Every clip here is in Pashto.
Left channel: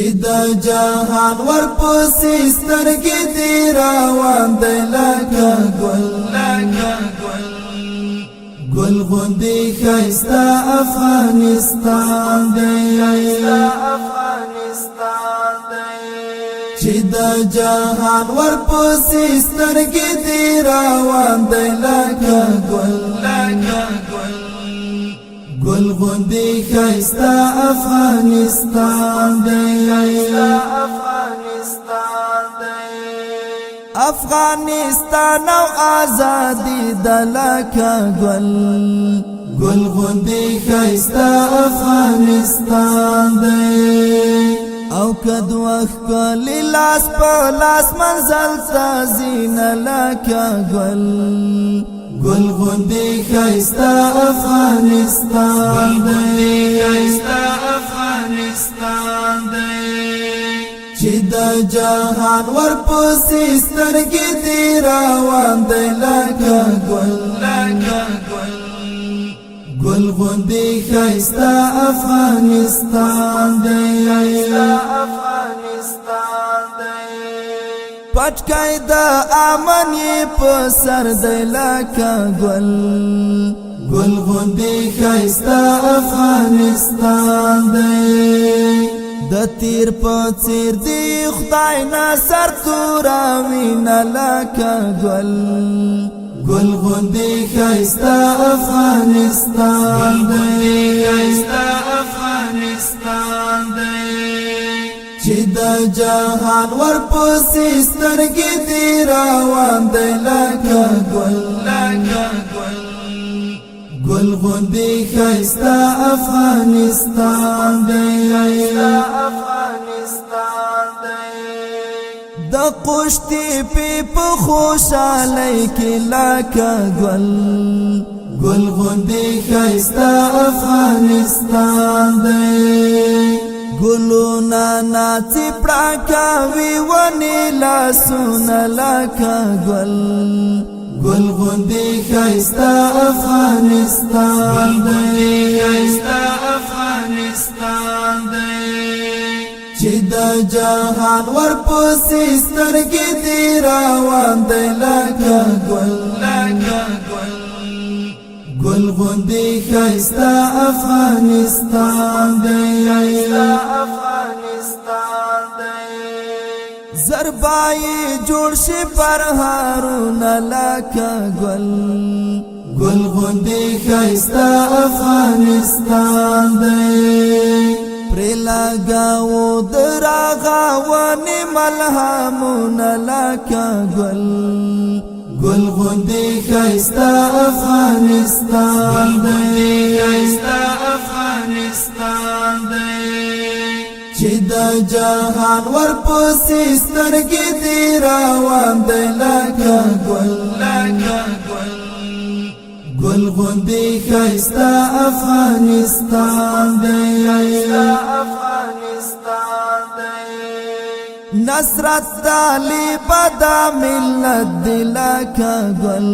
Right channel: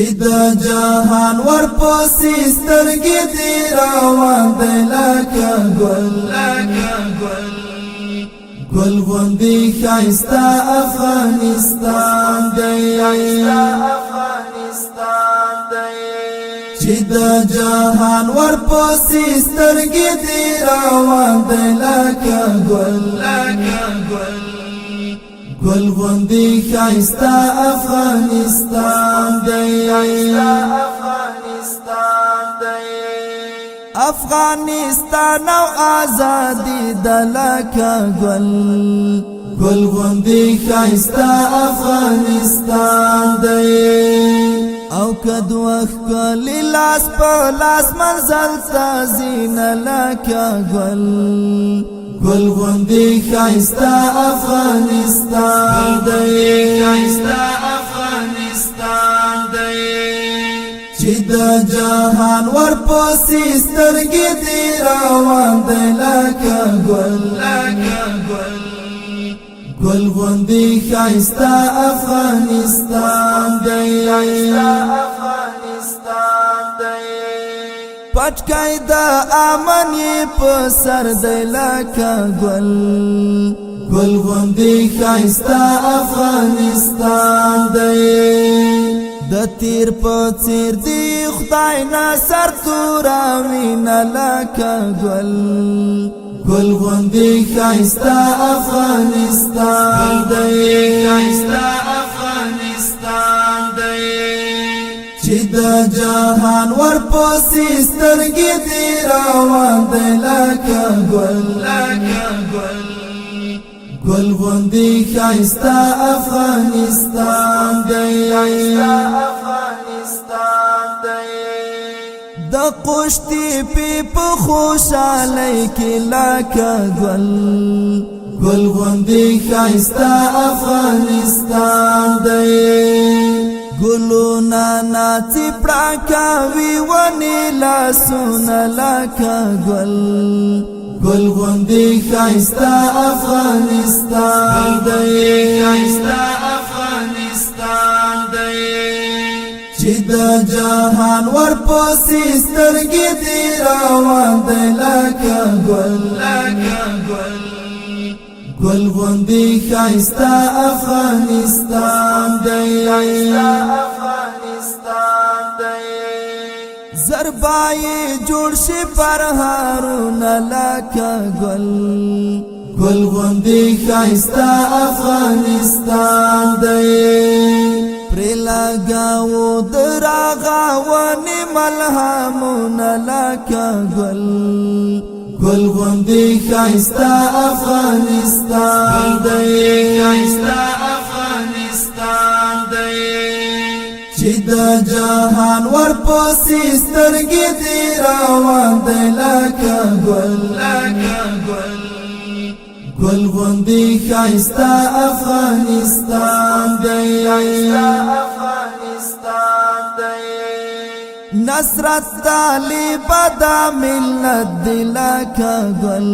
چې د جهان ورپسې سترګې دې روان دی لکه ګل ګل غوندې ښایسته افغانستان دی چې د جهان ورپسې سترګې دې روان دی لکه ګل ګل غوندې ښایسته افغانستان دی افغانستان او آزادی د لکه ګل ګل غوندې ښایسته افغانستان دی او کد وخت کلی لاس په لاس منزل ته زینه لکه ګل ګل غوندې ښایسته افغانستان دی چې د جهان ورپسې سترګې دې روان دی لکه ګل ګل غوندې ښایسته افغانستان دی پټکای د امن یې په سر دی لکه ګل ګل غوندې ښایسته افغانستان دی د تیر په څیر دی خدای نه سر توراوینه لکه ګل ګل غوندې ښایسته افغانستان دی چې د جهان ورپسې سترګې دې روان دی لکه ګل ګل غوندې ښایسته افغانستان دی د قشتی په خوشحالۍ کې لکه ګل ګل غوندې ښایسته افغانستان دی ګلونه ناڅي پړکوي ونې لاسونه لکه ګل ګل غوندې ښایسته افغانستان دی چې د جهان ورپسې سترګې دې روان دی لکه ګل ګل غوندې ښایسته افغانستان دی زربای جوړ شي پر هارونه لکه ګل ګل غوندې ښایسته افغانستان دی پرې لګاو د راغونې ملهمونه لکه ګل ګل غوندې ښایسته افغانستان دی چې د جهان ورپسې سترګې دې روان دی لکه ګل ګل غوندې ښایسته افغانستان دی نصرت طالب د ملت دی لکه ګل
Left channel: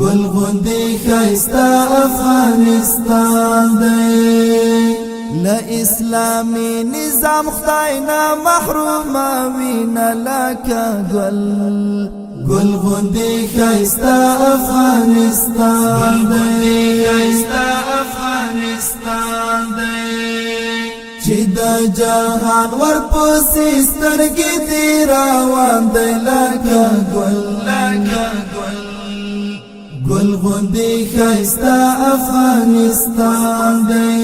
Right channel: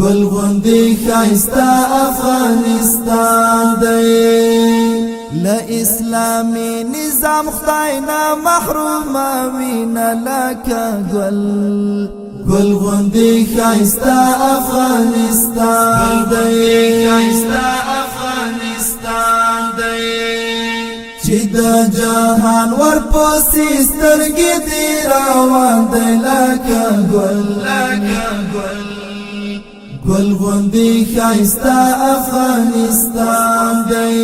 ګل غوندې ښایسته افغانستان دی له اسلامي نظام خدای نه محروموینه لکه ګل ګل غوندې ښایسته افغانستان دی چې د جهان ورپسې سترګې دې روان دی لکه ګل ګل غوندې ښایسته افغانستان دی